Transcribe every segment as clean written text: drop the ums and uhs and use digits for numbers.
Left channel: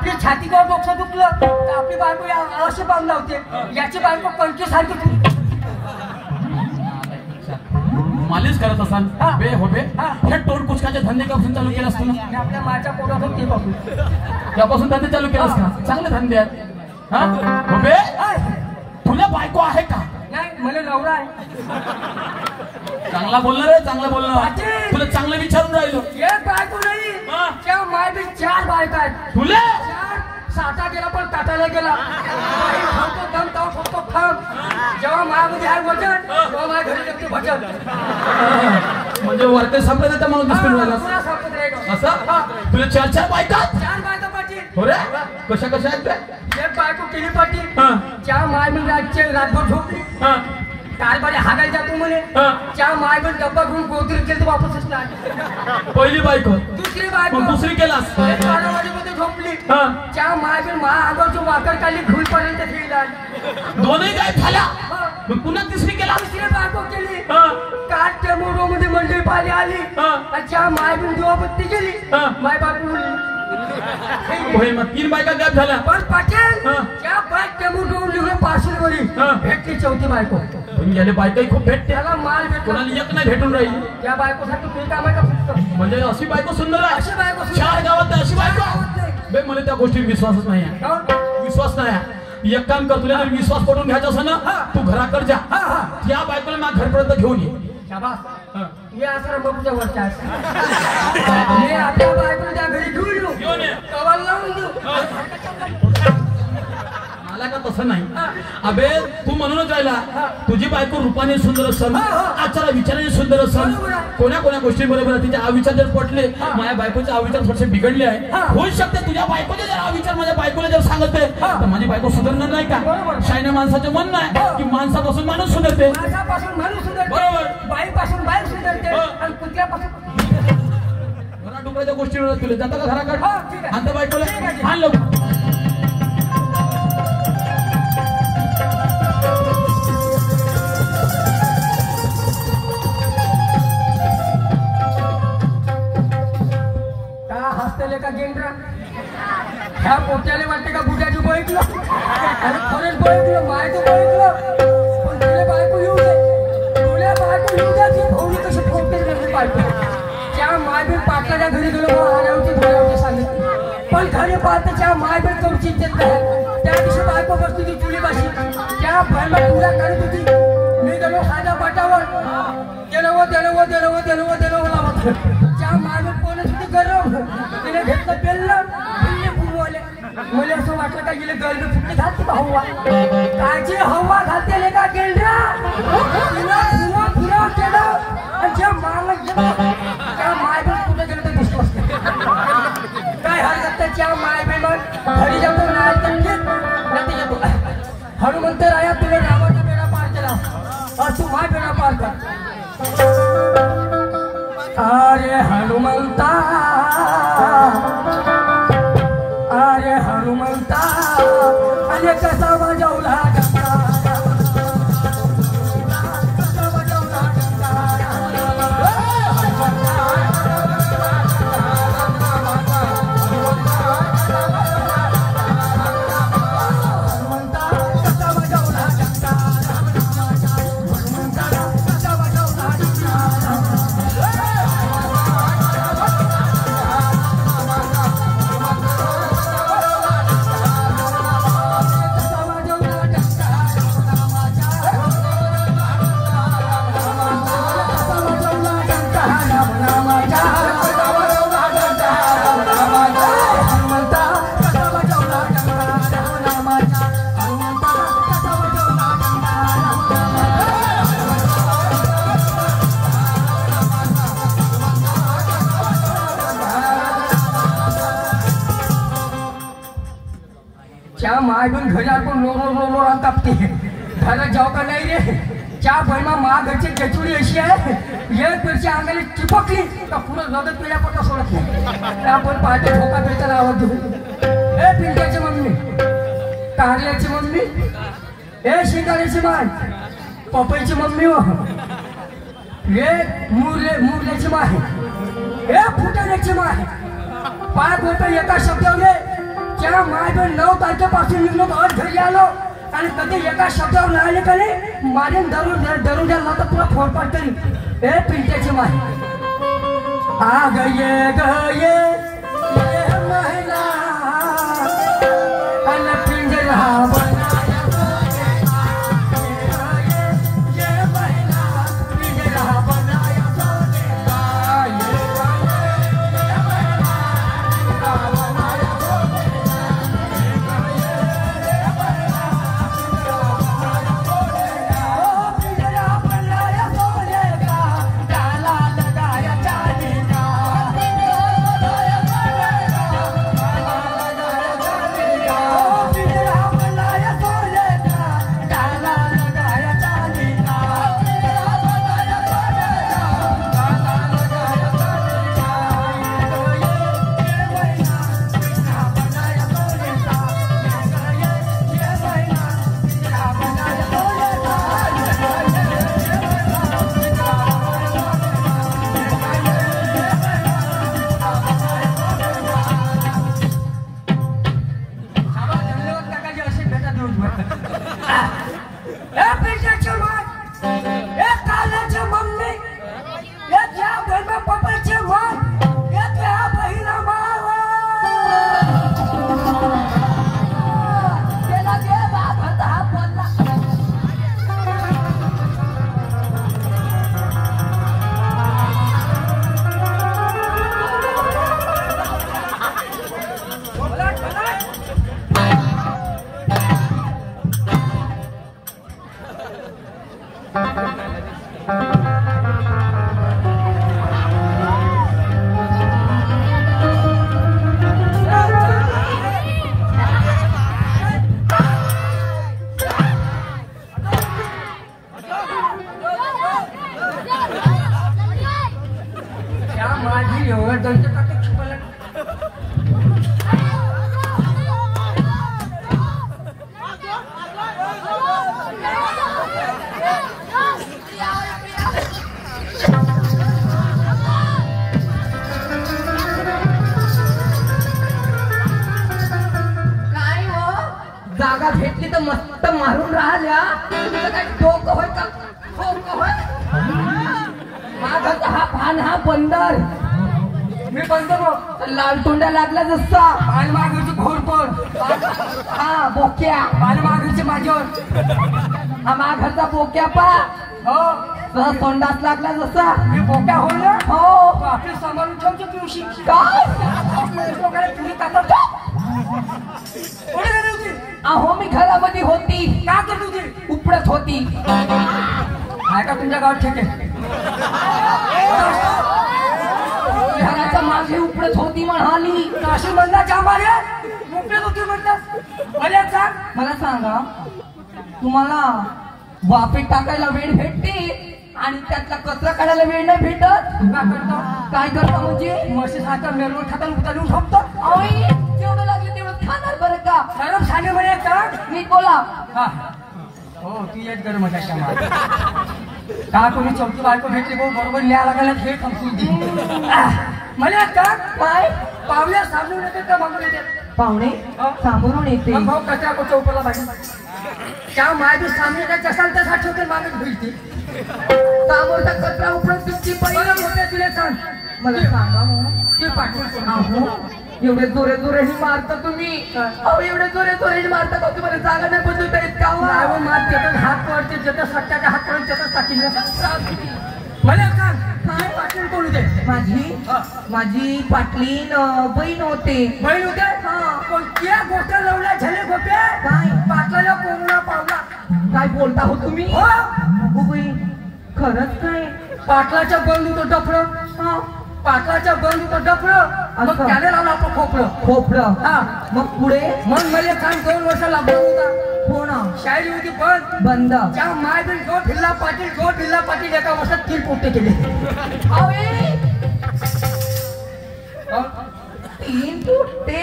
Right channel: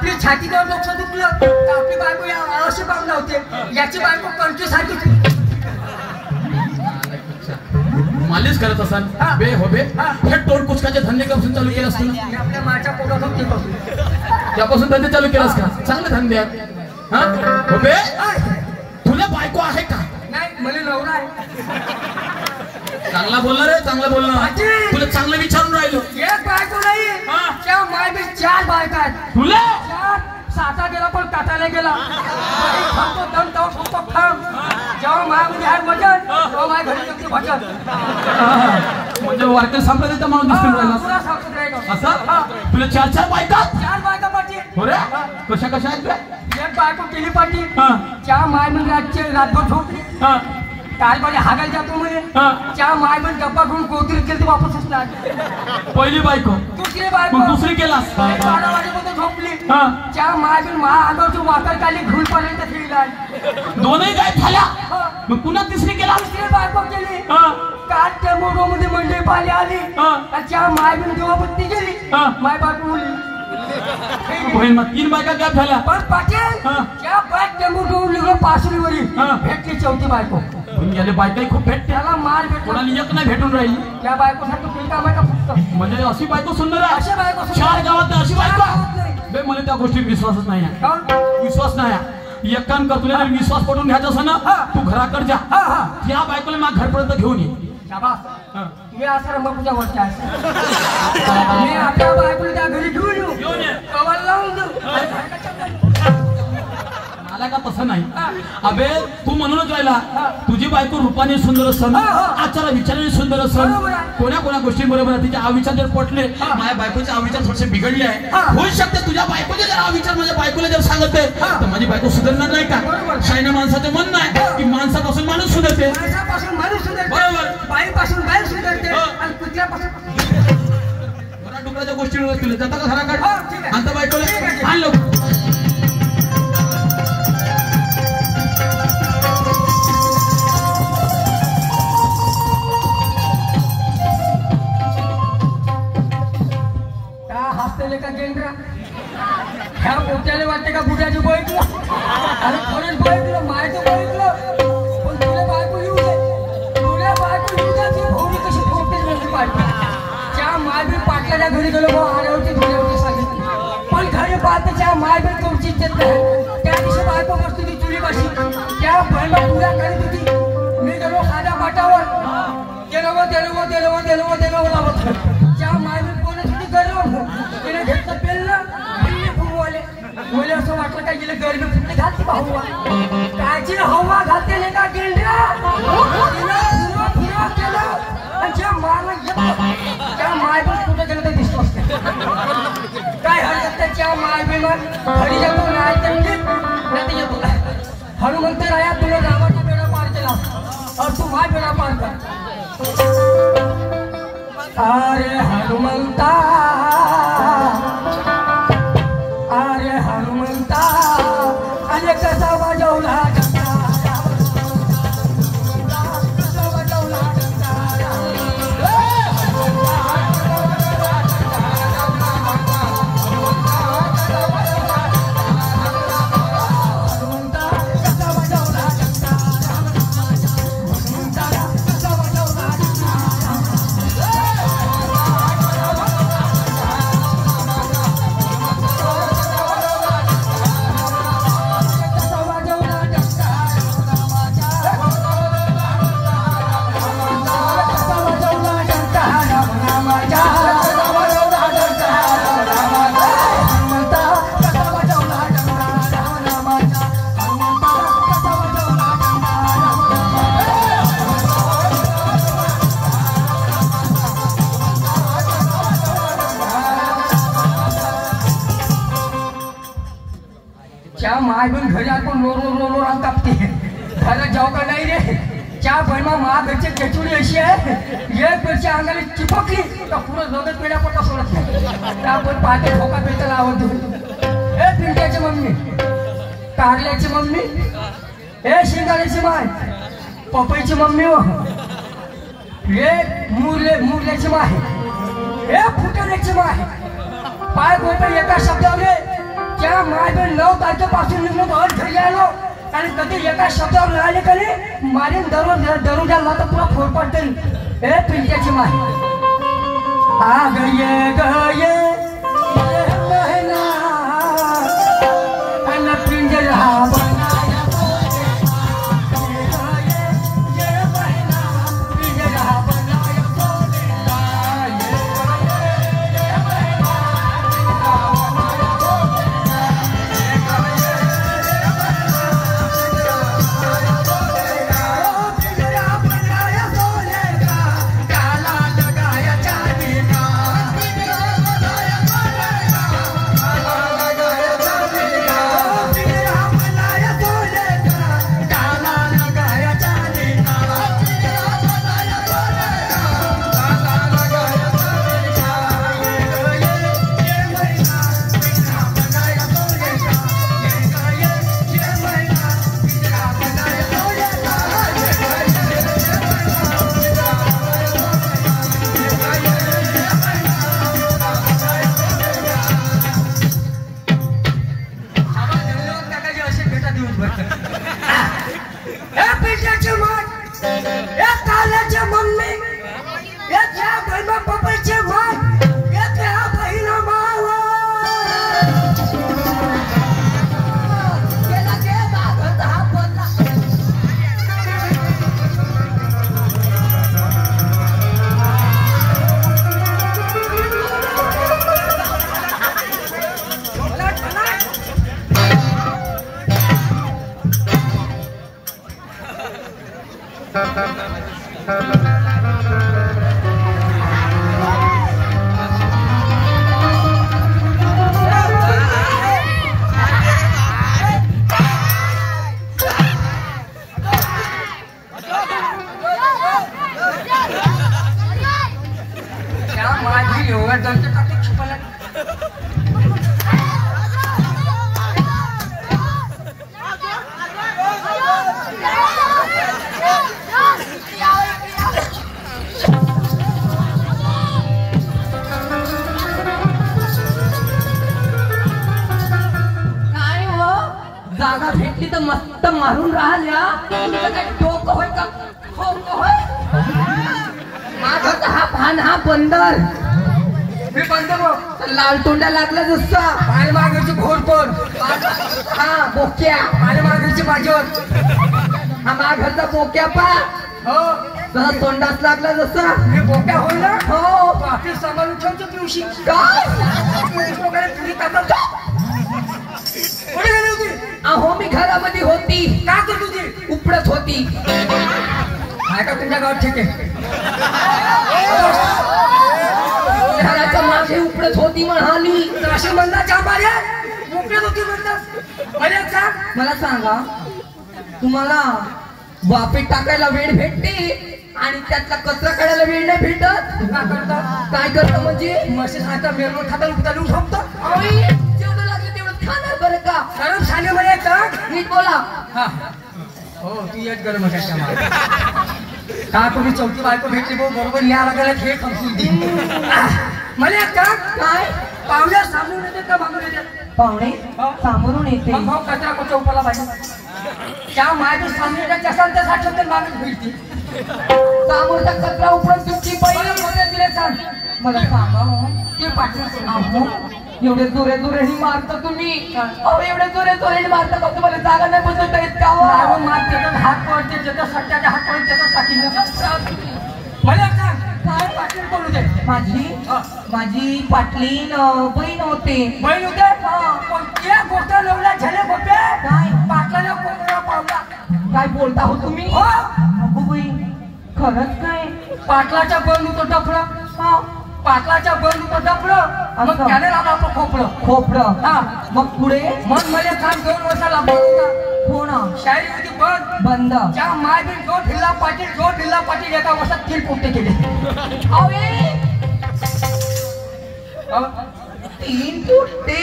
आपली छातीवर डोकं दुखलं तर आपली बायको असे बांधला होते, याची बायको कंठी सारखी मालिश करत असाल बे हो बे हे टोल कुचकाचे धंदे कपासून चालू केलास तू? आपल्या माझ्या पोटातून ते पासून त्यापासून धंदे चालू केलास का? चांगले धंदे आहेत. हा हो बे तुला बायको आहे का? नाही, मला नवरा आहे. चांगला बोलणार रे, चांगला बोलणार. तुला चांगलं विचारून राहिलो. एक बायको नाही, त्या मायबी 4 बायका आहेत. तुला 4 साता गेला पण काटायला गेला. जेव्हा माझ्यामध्ये आहे वजन तेव्हा माझ्या घरी येते भजन. म्हणजे वारकरी संप्रदायाचा माणूस दिसून राहिला असं? तुला 4 बायका? 4 बायका पाठी. हो रे, कशा कशा आहेत रे? एक बायको केली पाठी, त्या मायबी रातभर झोपली. काल पाठी हागायला जातो म्हणे, त्या मायबी डब्बा घेऊन कोथरी केली वापसच नाही. पहिली बायको. दुसरी बायको. दुसरी केलास? 12 वाजेपर्यंत झोपली. त्या मायबी महागावची वाकर काढली घुलपर्यंत गेला. दोनही काय झाल्या? मग पुन्हा तिसरी केला? तिसरी बायको केली. काल त्या मोठोमध्ये मंडळी पाली आली आणि त्या मायबी दिवाबत्ती केली. माय बायको उरली. 3 बायका गॅप झाल्या. पण पाटील त्या बायक टेम्पो निघून पार्सलवरी भेटली 4थी बायको. याने बायकाही खूप भेटते. त्याला माल भेटला, कोणाला एक नाही भेटून राहिली. त्या बायकोसाठी तुला काम आहे का फक्त? म्हणजे अशी बायको सुंदर आहे. अशी बायको 4 गावात अशी बायको बे, मला त्या गोष्टीत विश्वासच नाही आहे. विश्वास नाही आहे. एक काम कर, तुला विश्वास पडून घ्यायचा असं ना, तू घराकडे जा. त्या बायकोला माझ्या घरपर्यंत घेऊन ये. हे असं रंबापूच्या वरच्या मी आपल्या बायकोला त्या घरी घेऊन येऊ, कवाल लावून देऊ. मला का तसं नाही. अबे तू म्हणूनच राहिला, तुझी बायको रूपाने सुंदर असन, आचारा विचाराने सुंदर असन, कोणा कोणा गोष्टी बरोबर तिचे अविचार जर पटले, माझ्या बायकोचे अविचार थोडेसे बिघडले आहे. होऊ शकते तुझ्या बायकोचे जर अविचार माझ्या बायकोला जर सांगते तर माझी बायको सुधारणार नाही का? शायना माणसाचं म्हणणं आहे की माणसापासून माणूस सुधारते. माणसापासून माणूस सुधारते, बरोबर. बाईपासून बाई सुधारते आणि कुत्र्यापासून डुकराच्या गोष्टी तुला जाता का घराकडे? आता बायकोला आणलं. का गेंद्रा ह्या पोट्याला वाटते का बुड्याची बघितलं आणि खरंच बघितलं, माहिती बघितलं. पण तुला बायको येऊ दे, तुला बायको येऊ दे. ती भोवणी कशी फोडते घरची बायको. त्या मायबी पाटलाच्या घरी गेलो, आल्यावरती धोल्यावरती सांगितलं. पण घरी पाहतेच्या मायबी कवची देत नाही. त्या दिवशी बायको बसतो ती चुलीपाशी, त्या बहिणा पुऱ्या करीत होती. मी गेलो साध्या पाटावर, गेलो त्या मायबी पोलीस होती गरम. तिने घेतलं पेललं, पिल्ले फुगवले. मला असं वाटलं का गेले गरमी फुटले घालते का हवा? कायची हवा घालते का गेंड्या? फिरा केलं आणि ज्या मारला त्या मायबीन कुठे गेलं तर दिसतो. काय हरकत नाही, त्या मायबीनं घरी जाऊन नाही येतो. हनुमंत राया तुला रामाचा बेडा पार केला, तू माय बेडा पार कर. अरे हनुमंता, अरे हनुमंता, अरे कसा बजवला गंगा, कसा बजवला गंगा. त्या मायबीन घरी आपण लो कापते. घरात जाऊ का नाही रे? त्या बहिणा महाघरची चचुरी अशी आहे, एक पेरच्या अंगाने चिपकली का पुढं रगत पिढ्या पटा सोडत नाही. आपण पाहते ठोका पिळता लावत देऊ. हे पिंट्याची मम्मी, कारल्याची मम्मी, हे शेंगाड्याची माय, पपईची मम्मी, हे मुरल्याची माय, हे फुटाण्याची माय. पाय गोपे एका शब्दाने त्या माय 9 तारखेपासून निघलो घर घरी आलो आणि कधी एका शब्दावर राहिले का नाही मारीन धरून घ्याल तर पुरा फोन पडते ए पिंट्याची माय आ गये गये भेटली तर मस्त मारून राहिल्या काय डोकं होय का होय माझा हा भान हा बंदर मी बंदर लाल तोंडा लागला जसा माझ्या मागची घोरतोड हा बोक्या माझ्या मागची माझ्यावर हा माघाचा बोक्या पा हो तसा तोंडात लागला जसा मी बोक्या होईल ना हो आपली सांभाळून ठेवतो तुळशी काय तुरी ताकद अहो मी घरामध्ये होती का करत होती उपडत होती काय का तुमच्या गावात ठीक आहे घराच्या मागे उपडत होती म्हणाली नाशिक म्हणला चांबारे उपडत होती म्हणलं मला सांगा तुम्हाला वापेत टाकायला वेळ भेटते आणि त्यातला कचरा काढायला वेळ नाही भेटत काय करता म्हणजे म्हशी सारखा मेरवर खाता उतरून झोपतो जेवढं लागलं तेवढं खाणार बरं का गरम झाली म्हणे तर नीट बोला हो ती एक गरम का तुम्ही चौथी बायको भेटली भाऊ बरोबर लिहा लागायला खेळ खमसून मला काय पाहुण्या सामोरून येते का बांधून येते पाहुणे सामोरून येते भाऊ कचरा चौकाला पाहिजे त्या माझ्या सामने कसाल तसा ठेवते माणूस भेटते सामोरचा कचरा उपडून तुमची पहिले तुला सांग मला सांगा ते पाठवून एवढे जोरे जोरेने मारता तुम्ही एवढे जोरे जोरेने मारता का तुम्हाला जागा नाही बदलता येत का मार त्याचा हात पडते ज्याचा सट्ट्याचा हात पडते त्याचा पाठील मला सांग काय पाटील कोण होते माझी पाटलीन बहीण होते बहीण होते पण त्या गोष्ट लवल्या झाले होते काय पाटलाला कोरोना पावला काय बोलता हो तुम्ही बाई खरंच काय पाटलाच्या बंद होतो डफळं पाटलाच्या बंद होतं डफळं मग त्याने लावलं आपलं खोपडं हा मग पुढे मग मला सांग 2 वर्षाला बंद होता हो ना शायरी होती बंद त्या माय बिन जो फिल्ला पाटील एका वर्षात 3 पोटे केले 3 पोटे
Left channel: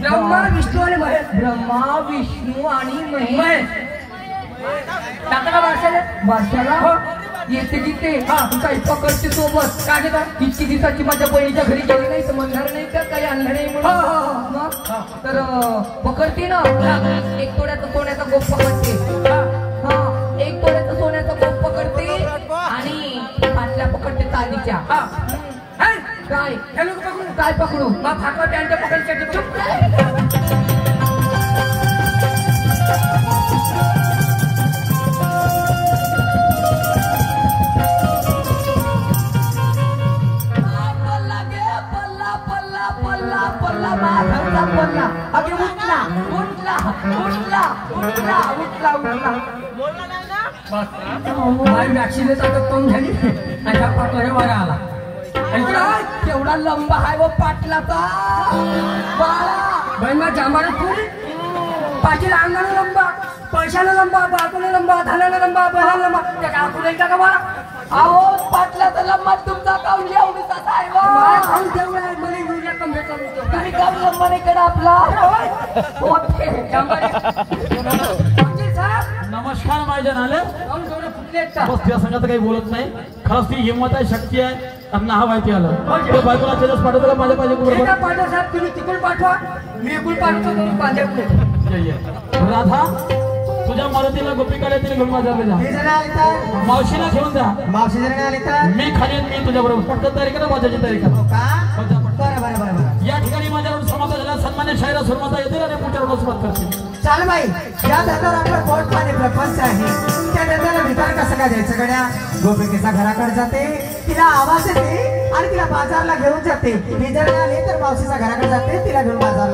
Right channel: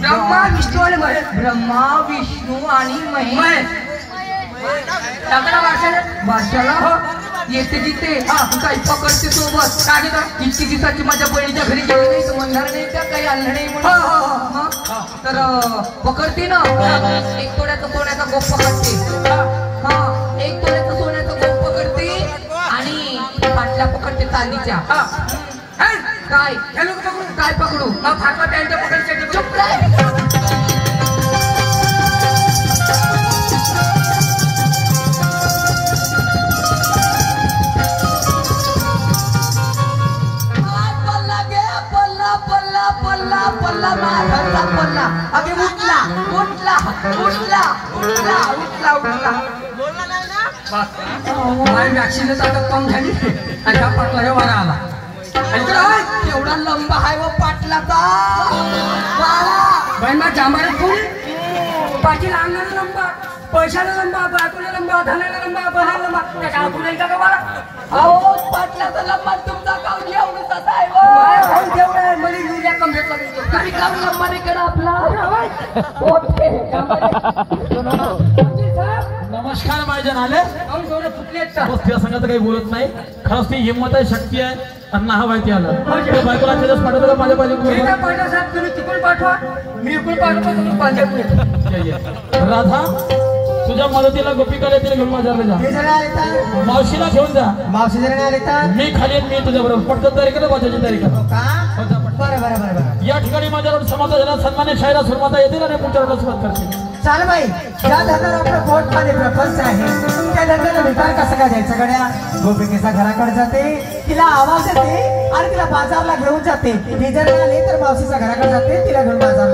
ब्रह्मा विष्णू आणि महेश वर्षाला येते तिथे काही पकडते सोबत काय घेतात किती दिवसाची माझ्या बहिणीच्या घरी गेली नाही तर म्हणणार नाही त्या काही आणलं नाही म्हणून मग तर पकडते ना एक तोड्याचा सोन्याचा गोप पकडते हा एक तोड्याचा सोन्याचा गोप पकडते आणि पाटल्या पकडते चांदीच्या काय पकडू काय पकडू फाटवा त्यांच्या पकडण्यासाठी चुप काय पल्ला माझा पल्ला अगे उठला उठला उठला उठला उठला उठला बोलला नाही ना माझी वॅक्सिन ताकद कम झाली आणि हा पाटला वर आला एवढा लंबा आहे व पाटलाचा बाई मा जांभारी पुरी पाटीला अंगाला लंबा पैशाला लंबा बायकोला लंबा धनाला लंबा बनाला लंबा त्या काय पुढे का मला अहो पाटलाचा लंबा तुमचा काऊन एवढीचा आहे काऊन तेवढं मला युरिया कम भेटला तुम्ही काम लंबा नाही करा आपला नमस्कार माझ्या आले काऊन थोडे फुटले त्या संघात काही बोलत नाही खरंच ती हिंमत आहे शक्ती आहे आणि नाव आहे ते आलं बायकोला दिवस पाठवतो का माझ्या पाहिजे पाठवा साहेब तुम्ही तिकडून पाठवा मी इकडून पाठवतो तुम्ही पाहिजे राधा तुझ्या मदतीला गोपिकाला तिने घेऊन बाजारला जा मावशीला घेऊन जा मावशी जरा आले तर मी खाली मी तुझ्या बरोबर पटकन तयारी कर माझ्याची तयारी कर बरं बरं बरं बरं या ठिकाणी माझ्यावर समाज झाला सन्मान्य शायरा सुरमाता येतील आणि पुढच्या सुरुवात करतील चाल बाई ज्या धंद्याला आपलं पोट पाणी प्रपंच आहे त्या धंद्याला विचार कसं काय द्यायचं गड्या गोपिकेच्या घराकडे जाते तिला आवाज येते आणि तिला बाजारला घेऊन जाते ही जर आली तर मावशीच्या घराकडे जाते तिला घेऊन बाजारला